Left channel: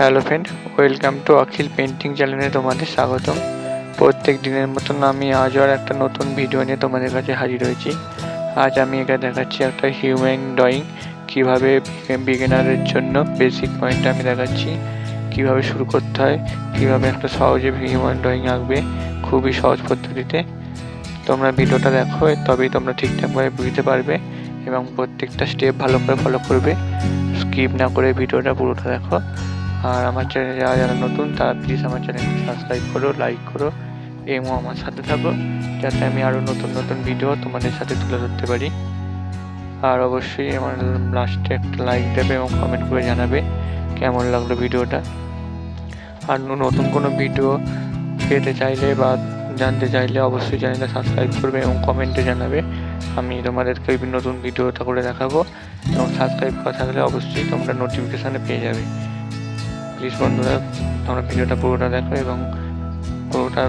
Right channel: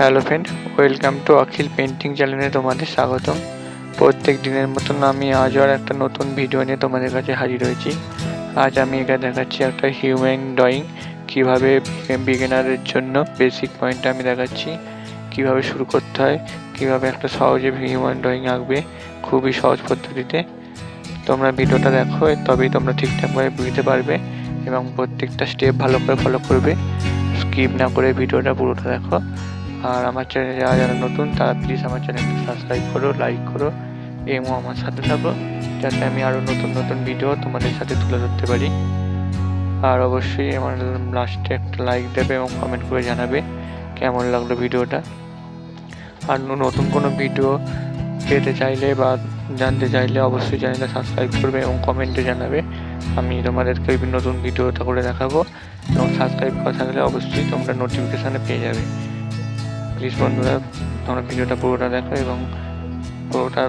Hello friend welcome to Akhil painting চ্যানেলে তোমাদের স্বাগতম। প্রত্যেক দিনের মতন আমি আজও আর একটা নতুন ভিডিও নিয়ে তোমাদের কাছে হাজির হয়েছি। আজ আমি এখানে দেখাচ্ছি একটা হিউম্যান ড্রয়িং কীভাবে বিগিনারের জন্য বেসিক পয়েন্ট আমি দেখাচ্ছি, কীভাবে শুরু করতে হয়, কীভাবে একটা সহজে হিউম্যান ড্রয়িং আঁকবে, খুবই সহজ পদ্ধতিতে। তোমরা ভিডিওটা দেখো, তবেই তোমরা ঠিকঠাকভাবে বুঝতে পারবে এবং প্রত্যেকটা স্টেপ ভালো করে ফলো করবে। স্কিপ না করে ভিডিওটা পুরোটা দেখো। আর আমার চ্যানেলে যারা যারা নতুন, তারা প্লিজ আমার চ্যানেলটা সাবস্ক্রাইব করো লাইক করো এবং আমার সাথে থাকো, যাতে আমি আরও নতুন নতুন ভিডিও তোমাদের সাথে তুলে ধরতে পারি। আর অবশ্যই আমার লাস্টে একটা লাইক দেবে এবং কমেন্ট করে জানাবে কেমন লাগল ভিডিওটা আর নতুন কোনো ভিডিও পেতে চাইলে বা জানতে চাইলে অবশ্যই চ্যানেলটা সাবস্ক্রাইব করবে এবং কমেন্টে জানাবে। আমি তোমাদেরকে বিভিন্ন নতুন ভিডিওটা করে দেখাবো এবং সাবস্ক্রাইব করা থাকলে অবশ্যই তোমরা নোটিফিকেশানে পেয়ে যাবে। প্লিজ বন্ধুরা তোমরা ভিডিওটা পুরোটা দেখো এবং পুরোটা